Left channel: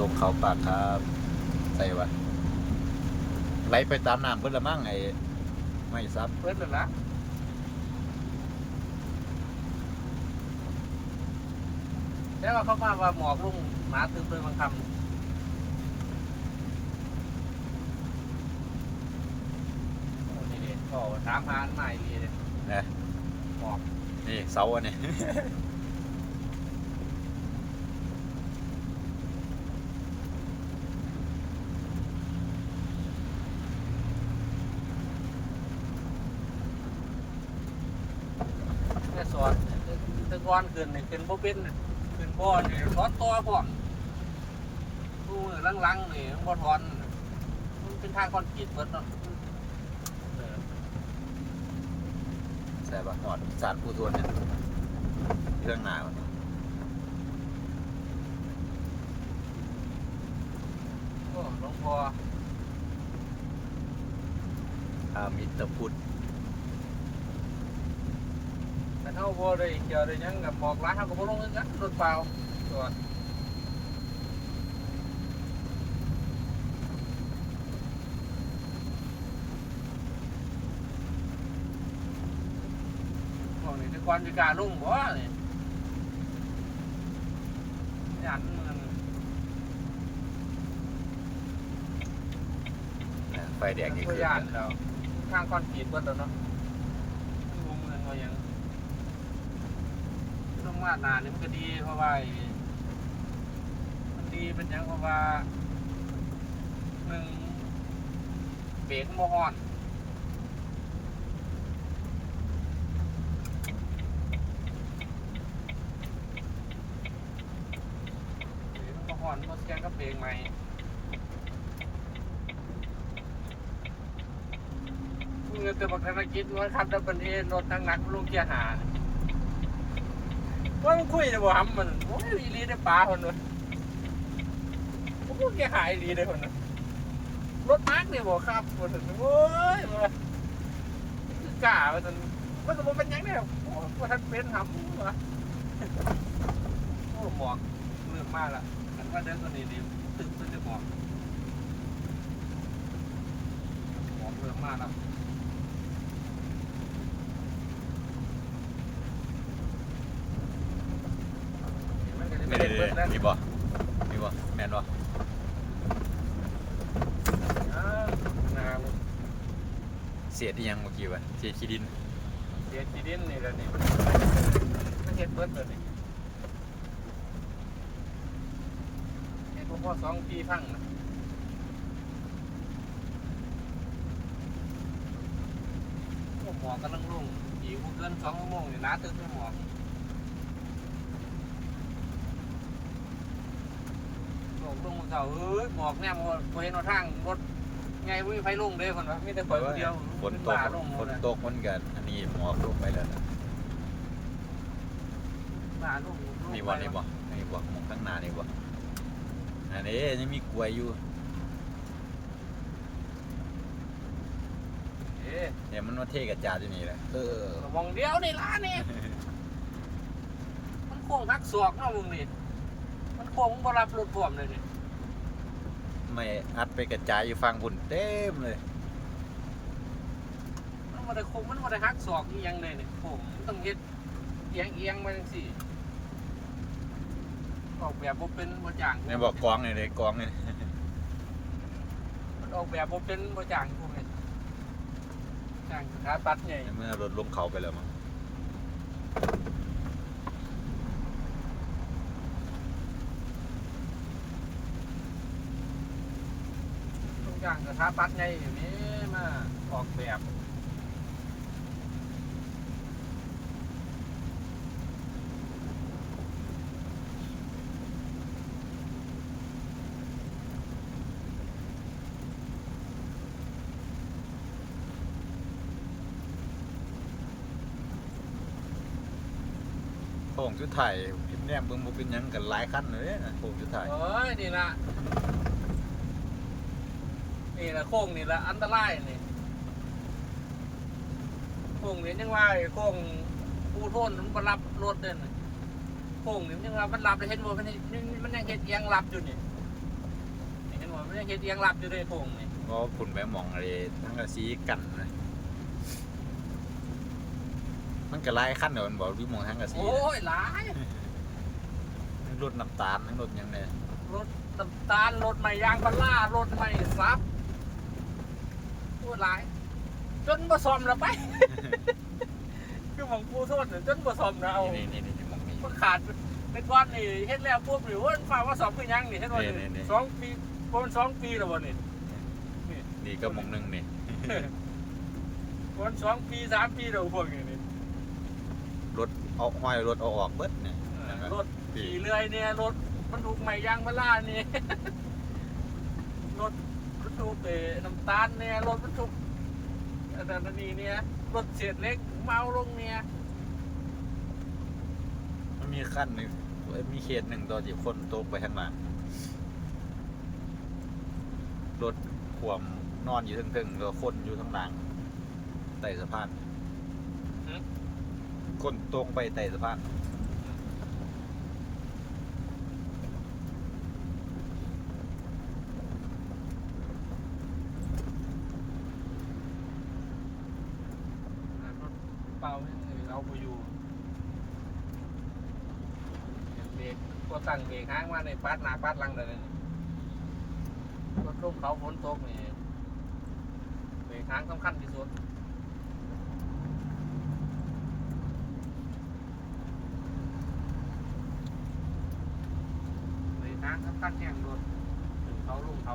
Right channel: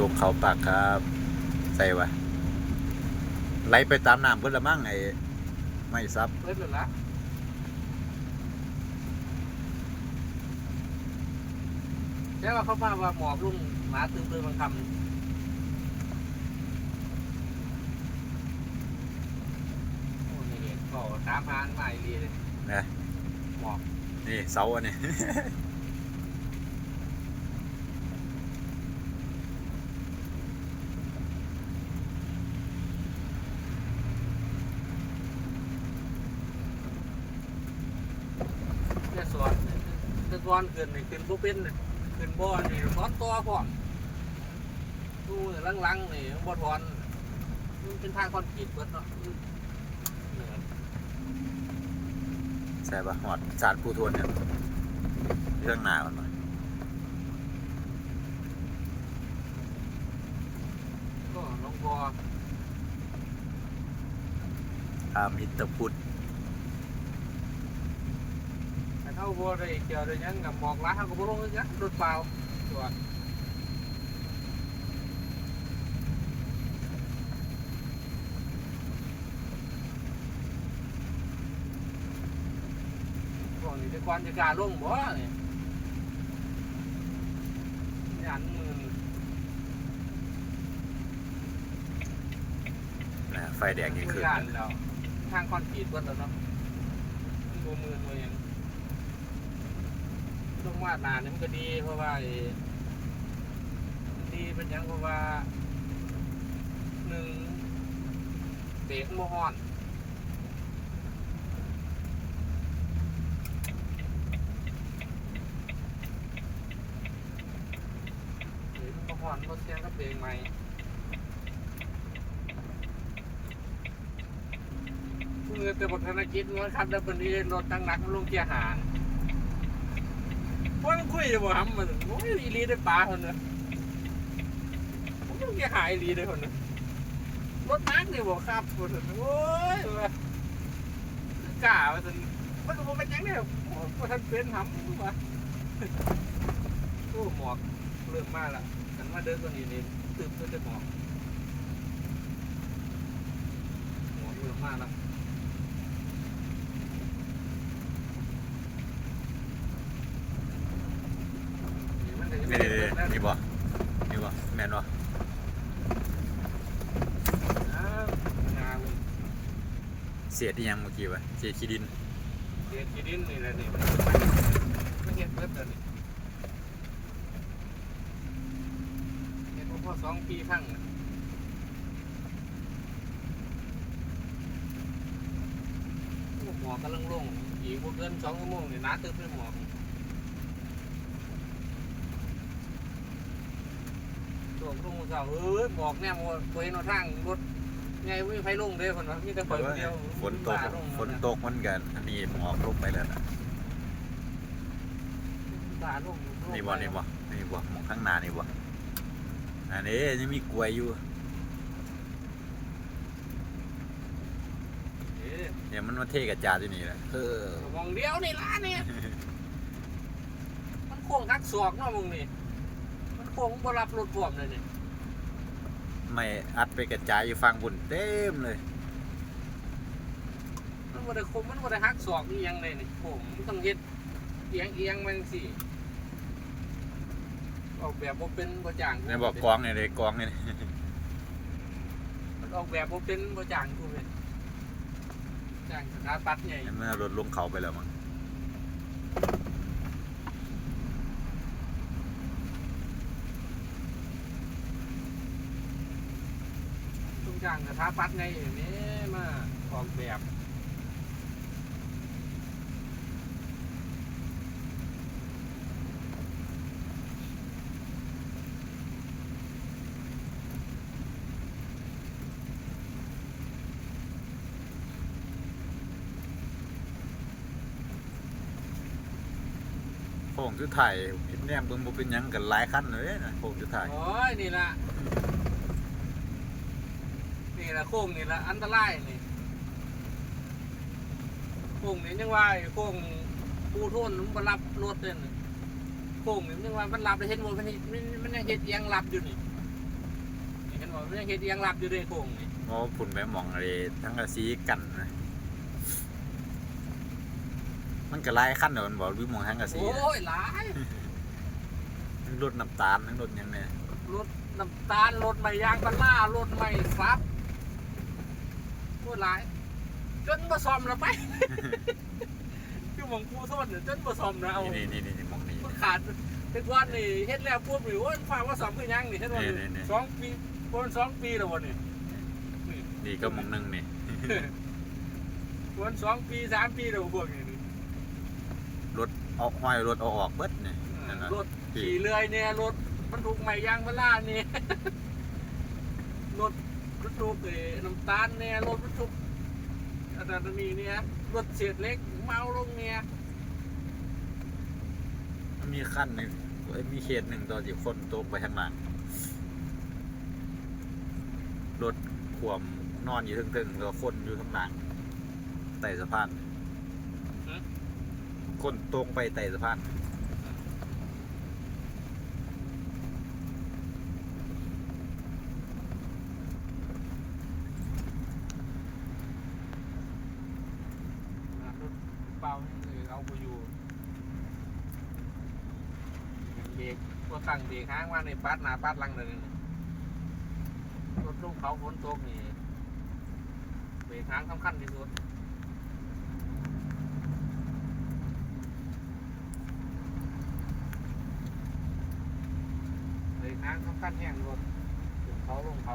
ลงเขาปากครับ ใส่วะไหลไปตามน้ำเพิ่นละมั่งไอ้ไม่ซับเพิ่นนั่นละแล้วเขามาว่าหมอกลุ่มหมาตึงเลยบางคำโอ้นี่ก็ตามหาอันใหม่ดีเลยนะหมอกนี่เสาอันนี้ เนี่ยสอนแต่ก่อนขึ้นนี่ขึ้นบ่เป็นน่ะขึ้นบ่อนี่ถอนตัวพร้อมดูมือลังๆนี่บ่ถอนน่ะมันเป็นทางคอนกรีตเบิดเนาะเออใช่ปะหอดสารปูทวนเนี่ยเรื่องหนามันปะก็หลวงพ่ออามิตรพุทธ แต่เท่าบ่ได้เจอได้หยังกับบอกร้านเฮาก็บ่ลงคือกันรถเปล่าตัวพวกนี้ที่ควรจะกล้าลงบ่นี่ยันมันนะไฟแดงยังคืนย่านกันแล้วทางคอนกรีตเบิดแล้วเนาะมุมเมืองเขายังต้อง วาดนาเนี่ยมันก็ดีเพราะว่ามันดีมันยังเพราะว่าหนึ่งเบรกมันบ่ฮ้อนเบรกมันบ่ฮ้อนต้องแจ้งกับเบรกใหม่เมื่อแต่บอกธนกิจว่าขับดับเบิลเอรถหนักๆลงเกียร์หาน ว่ามันคุยจะบ่ทำมันโอ้ยอีหลีได้ปลาคนเลยผมก็เกียร์หายอีหลีได้คนเลยรถตักเนี่ยบ่ครับคนเลยโอ้ยเว้ยกล้าไปจนมันก็บ่เป็นหยังเนี่ยโอ้ยว่ท่านเป็นทำวะโอ้หมอกเรื่องมากละฉันว่าเดินตัวนี้นี่ตื่นตัวจะหมอกหมอกเรื่องมากละ นี่นี่นี่นี่บ่นี่บ่แมนบ่อ้าวนาลงเสียที่ยังเมื่อกี้วะเสียขี้ดินเด็ดกีดินนี่แหละนี่มันมันเห็ดเบิดตัวนี่เห็ดพอสองปีครั้งนะโอ้หมอกกำลังลงอีกบ่เกินสองชั่วโมงนี่น้าตึกไม่หมอ ลงลงเก่าเอ้ยบอกเนี่ยว่าเห็นเอาทางรถไงวิ่งไฟลงเด้อคนวะมีแต่แต่เปิดว่าเดียวฝนตกบ้าลงฝนตกมันกัน อันนี้หมอกลงไปแล้วนะบ้าลงนี่บ่นี่บ่นี่บ่หมองข้างหน้านี่บ่อันนี้ยังมีกล้วยอยู่เอ๊ะเนี่ยมันมาเทกระจาดอยู่นี่แหละเออมองเดียวนี่ล่ะเนี่ย มันโค้งทักศอกเนาะมึงนี่ มันโค้งบ่รับรถพร้อมเลยนี่ ไม่อัดไปกระจายอยู่ฟังบุญเต็มเลย มันบ่ได้โค้งมันบ่ได้หักศอกอีหยังเลยนี่โค้งมันต้องเฮ็ดเอียงเอียงๆมาจังซี่ออกแบบบ่เป็นบ่จ้างในบอกกองนี่เลยกองนี่มันออกแบบบ่เป็นบ่จ้างกูเป็นจ้างสถาปัตย์ใหญ่ในเมื่อรถลงเขาไปแล้วมั้ง องจ้างสถาปัตย์ใหญ่นี่มาออกแบบโค้งสุดท้ายเห็นแนมเบิ่งบ่เป็นหยังกันหลายคันเลยนะโค้งสุดท้าย โอ้ยนี่ละ นี่ละโค้งนี่ละอันตรายนี่โค้งนี่ยังว่าไอ้โค้งปูโทนมันบ่รับรถเด่นโค้งนี่ยังว่ามันรับได้เห็นบ่มันนี่มันมันยังเฮ็ดเอียงรับอยู่นี่มันยังเฮ็ดเอียงหลับอยู่เลยโค้งนี่เพราะว่าพุ่นไปหมองอะไรทั้งกระซีกันนะมันก็ไล่ขั้นเดี๋ยวมันบอกวิมองทั้งกระซีโอ้นะยหลายทั้งรถน้ำตาลทั้งรถหยังเนี่ยรถน้ำตาลรถใหม่ยางพารารถใหม่ฟับโอ้ย หลาย จนมาซ่อมแล้วไป คือหมองผู้โทษเนี่ยจนมาซ่อมแล้วเอานี่นี่นี่นี่มองนี่ มันขาดแต่ก่อนนี่เฮ็ดแล้วปุ๊บหรือว่าฝ่าว่าสองคือยังนี่เฮ็ดว่านี่นี่ สองปีประมาณสองปีแล้วบ่นี่นี่ก็มองหนึงนี่ประมาณสองปีสามปีแล้วพวกนี้นี่รถเอาห้อยรถเอาออกเบิดเนี่ยนั่นนะรถ ขี่เลื่อยเนี่ยรถมันถูกใหม่ยางพาราเนี่ยรถ รถถูกเอ่อน้ำตาลเนี่ยรถมันถูกอะไรตัวนี้เนี่ยรถเศษเล็กเมาลงเนี่ยมันมีขั้นหนึ่งเอ้ยมีเขตหนึ่งตอนที่คนตกไปข้างหลังรถขวมนอนอยู่ทึ่งๆแล้วคนอยู่ข้างหลังไต่สะพานคนตรงไปไต่สะพาน รถเปล่าเอาไปอยู่เบรกก็ ตั้งเบรกห้างมาในปาดหน้าปาดหลังเลยนะรถลงเขาฝนตกนี่เบรกห้างสำคัญที่สุดเบรกห้างสำคัญแข่งรถขึ้นเขาลงเขา